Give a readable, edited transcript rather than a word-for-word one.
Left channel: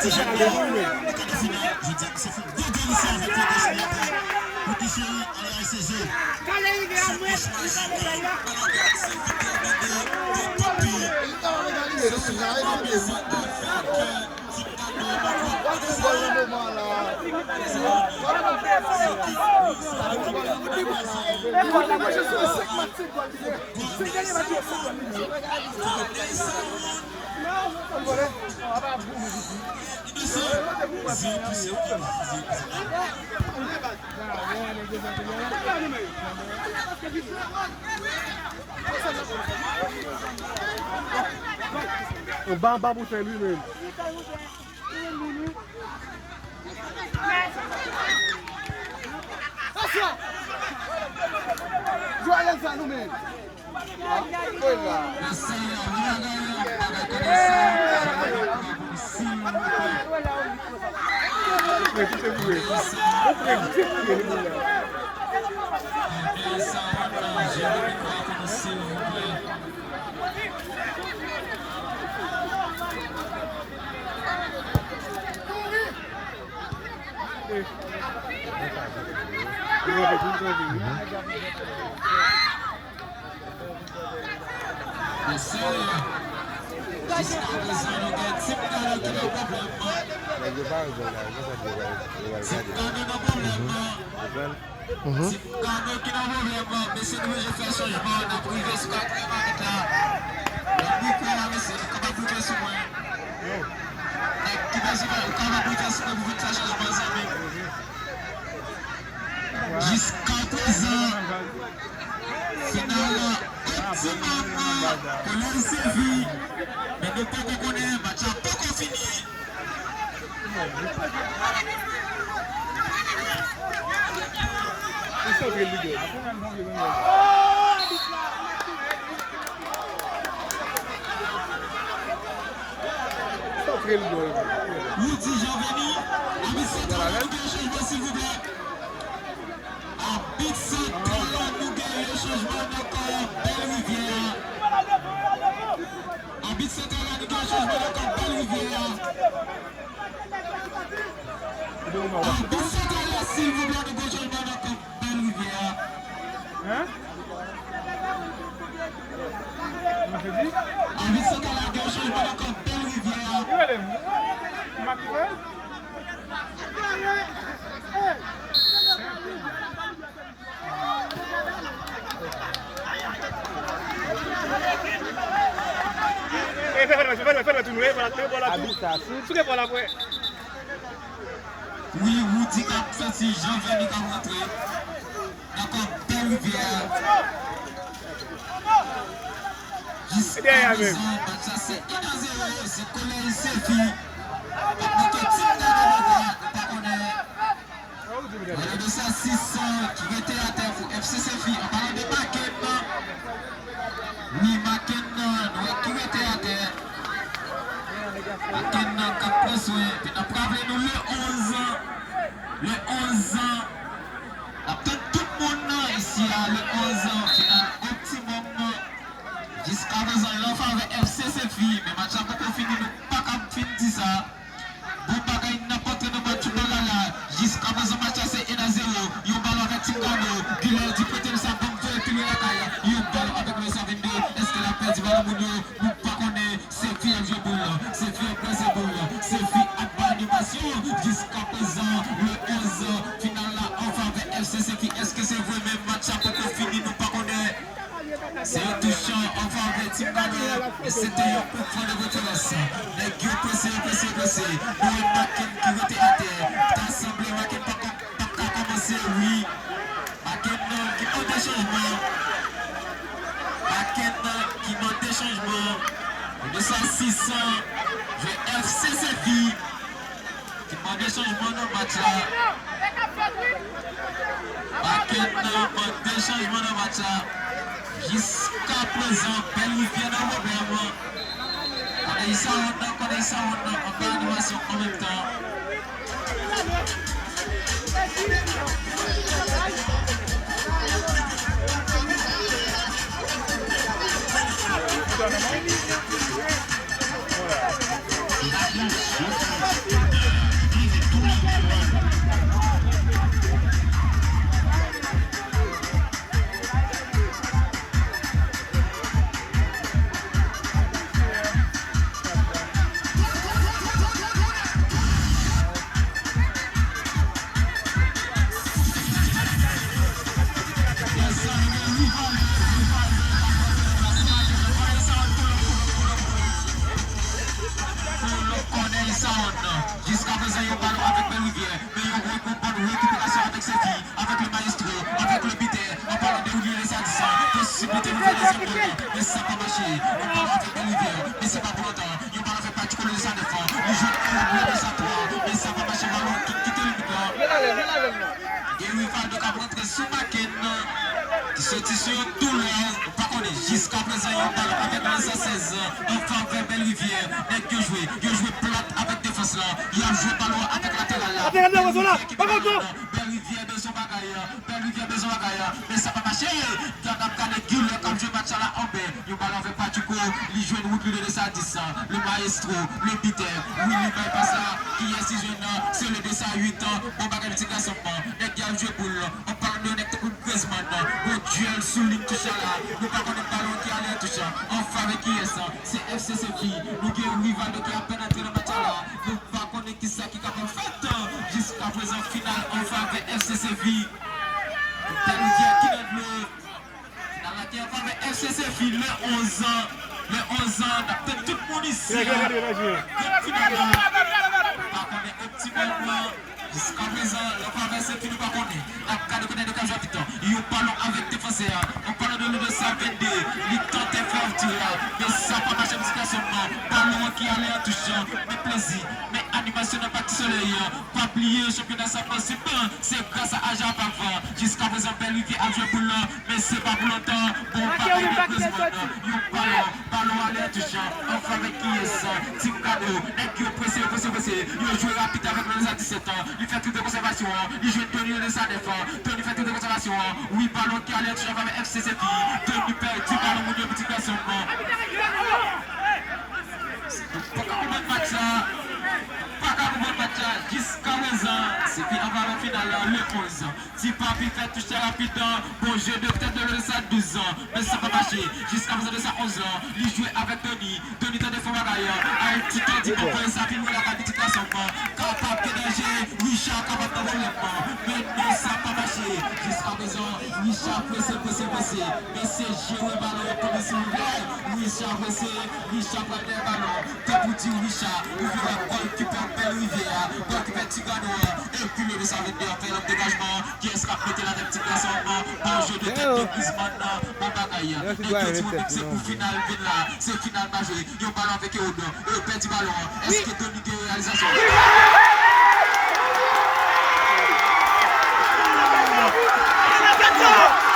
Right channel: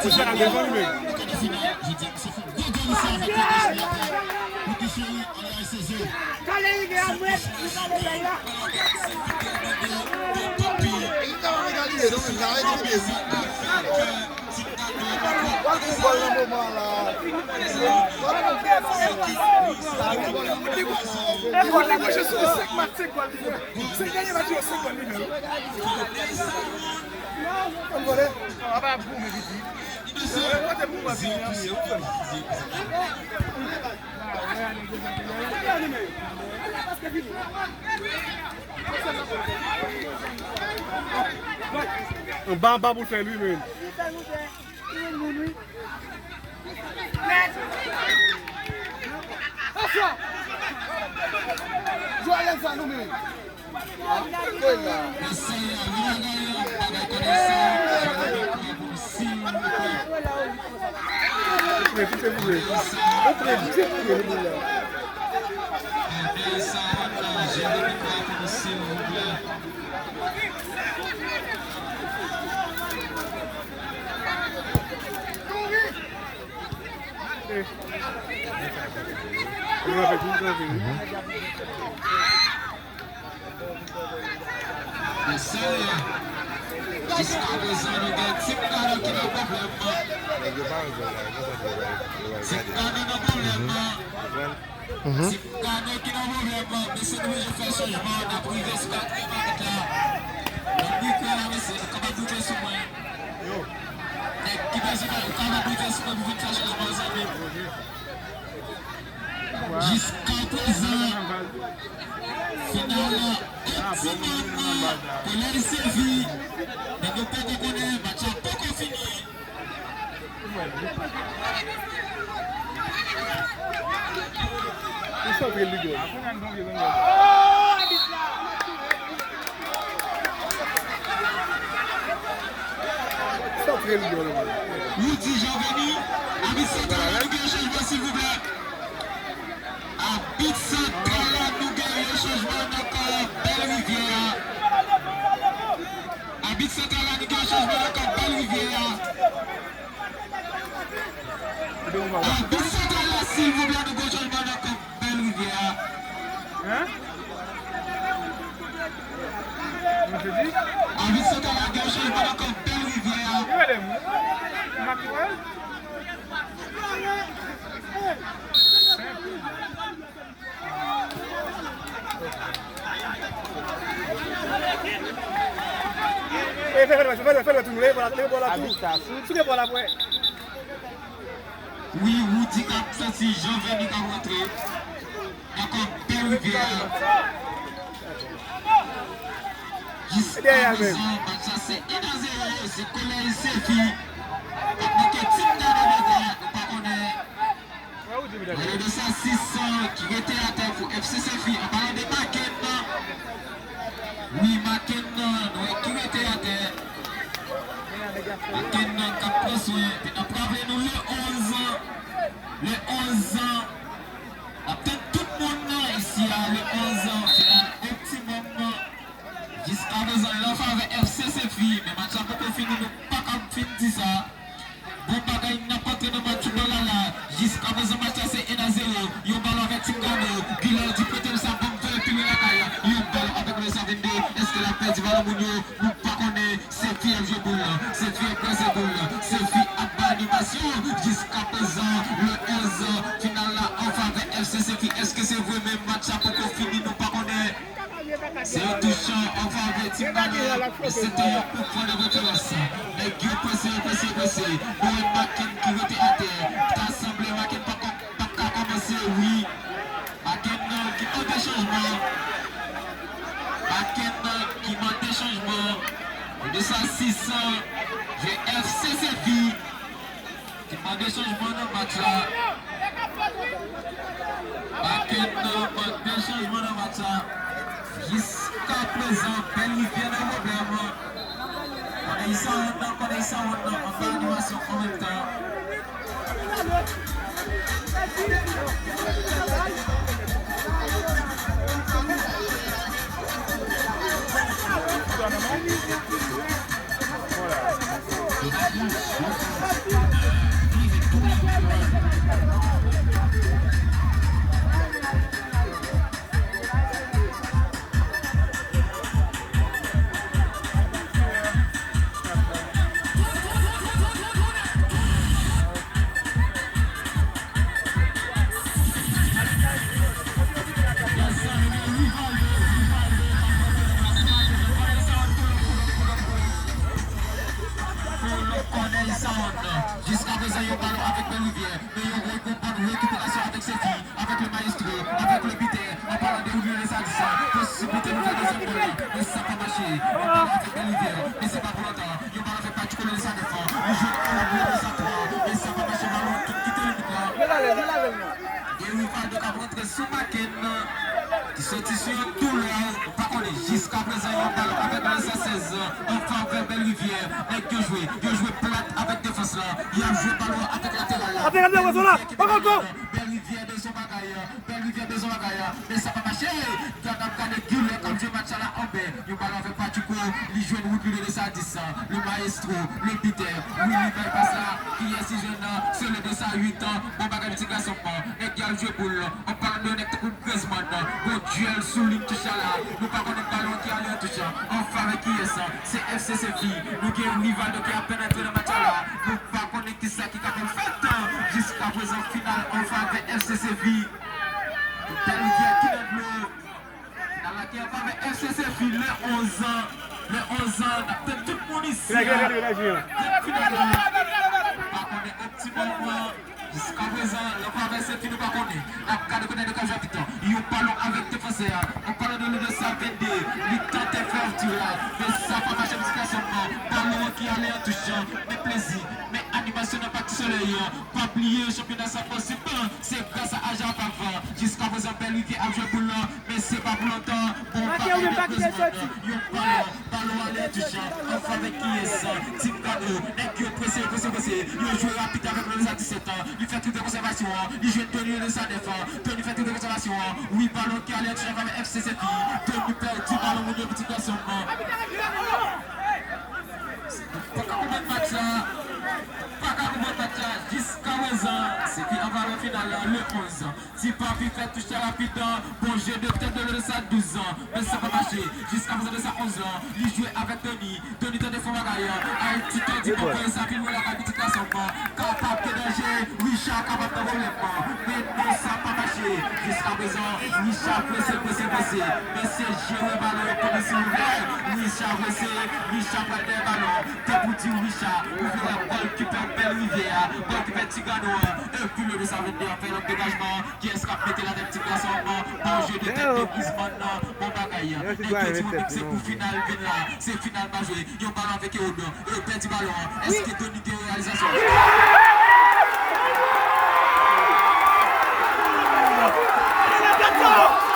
C'est ça, les gens, mais. On bat en bas pour faire lui-même. Jusqu'à présent, final optimum, qu'on a servi, mais nous pouvons connaître, le match n'a pas encore fini. Nous disons Jean-Venu, avec cette changement s'il vous plaît. Habite central, nous gagnons le changement encore Belle Rivière. Habite central, nous gagnons le changement encore Belle Rivière. Habite central, s'il vous plaît, nous gagnons le changement encore Belle Rivière. Habite central, nous gagnons le changement encore Belle Rivière. Oui, vous dites que si je viens de rentrer, encore Belle Rivière. Jusqu'à présent, c'est 1-0, c'est Colin Sefi. Il y a 600 qui étaient à terre pour FC Sefi. On parle de Makenna. Oui, Makenna, qui était à terre. Makenna qui a pris soin. Puis on a parlé nous le 11 ans. Le 11 ans. Peut-être tout le monde ici a le 11 ans. Final optimum. Jusqu'à présent, il a fait avec FC Sefi. Mais match a pas fini. Nous pas qu'à finir ça. Bon bagaille n'importe quel match là. Jusqu'à présent, match c'est 1-0. Il y a un ballon avec Tingano. Guilherme du côté de sa bombe de piler la caille. Il y a un ballon avec le 52. Est-ce qu'il a perdu vers le Mounio? Nous pas connaître. C'est qui est vieux boule. C'est qui est pressé boule. C'est qui a pas d'animation. Jusqu'à présent, le 11 final là, on va avec FC Sefi. Est-ce que c'est vrai même match à peu fini? Nous pas connaître. C'est un touchant, on va avec Tingano. Mais c'était un peu pour le retour. Les gars pressés. Nous avons Makin qui était à terre. T'as semblé Makin pas commencer, oui. Makin qui manque des changements. Makin qui manque des changements. De ça 600, j'ai FC Sefi qui manque des changements dans le match là. Makin manque des changements dans le match là. Jusqu'à présent, Belle Rivière dans le problème. On est ça, on fait l'animation en même temps. Jusqu'à présent, il y a un ballon avec Belle-Rivière, mais il y a une récupération avec ses filles, avec le maestro, avec le bité, en parlant de oublier les additions, possibilité de faire des embrouilles, mais ça n'a pas marché. On parle avec Belle-Rivière, mais c'est pas pour longtemps. Il y a un ballon avec particulier de sa défense, les jeunes éloignés de sa proie, mais ça n'a pas marché. Ballon qui te limite là. Et oui, il faut donc rentrer sous Macken, qui sortit sur une douleur. Par contre, jusqu'à présent, il y a un ballon avec le 16, enfin vers Belle-Rivière, mais que jouer, plate avec défense là, il a joué ballon avec latéral là. Belle-Rivière de son bagaille, mais ça va marcher. Dans le cas de Gueule, comme je match à la Amber, il ballon avec Patico, il joue une route de sa 10, le maestro, le biter, Willy passe là, qui est si jeune, sur le 2 à 8 ans, bon bagaille de garçon, et qui a joué boule, on parle de Nectar Griezmann, au duel sous l'une touche là, nous parlons de ballon qui a l'air touche, enfin avec qui est ça, c'est FCCFI, nous qui est un rival qui a peine entré dans le match là, nous ne connaissons pas qui c'est qui a fait jusqu'à présent finale, enfin avec FCCFI. Dans la guerre avec FCCFI, les 11 ans, on a peut-être tout le monde ici. Par contre, optimalement, jusqu'à présent, le problème c'est qu'il ne pas connaît. En cas de connaître de Cajapitan, ils parlent avec défenseur, on parle de le 122, il tente de faire tirer, mais ça va marcher jusqu'à son nom. Ballon qui allait en touchant, mais plaisir, mais animation n'a pas de soleil, pas plier, championnat ça possible, c'est grâce à Aja Pava. Jusqu'à présent, Belle-Rivière a joué pour l'an, mais c'est pas pour longtemps. Bon, pareil de Griezmann, yon ballon allait en touchant, enfin avec qui est ça, Tim Cano, et qui est pressé, il joue rapide avec le 17 ans, il fait toute conservation, il joue Tony de sa défense, Tony fait toute conservation, oui, ballon qui allait en touchant avec FCCFI, Tony perd, tu ballon de petit garçon. Pas qu'à comment match là, jusqu'à présent, c'est qui avant le final le 11. Si Papi fait toucher rapidement, bon jeu de peut-être de le 12 ans, mais ça va marcher. Jusqu'à présent de sa 11 ans, il jouait avec Tony de défense bagaille, un petit temps dit pour ça finit la qualification. Capable de danger, Richard capable de développement, mais ça va marcher. Jusqu'à présent, Richard pressé, mais c'est géré ballon comme si Richard pressé, Richard prend des ballons, débouti Richard, ouvre la balle qui peut Belle-Rivière, donc il fait Tigano, et puis le 122 fait un dégagement, qui est scrapé là des petits garçons, bon jeu de tête de Griezmann, bon bagaille, et effectivement c'est pour final, c'est final majeur, il y a un ballon avec Eodo, et un petit ballon, est-ce que Tony de réalisation? Let's go!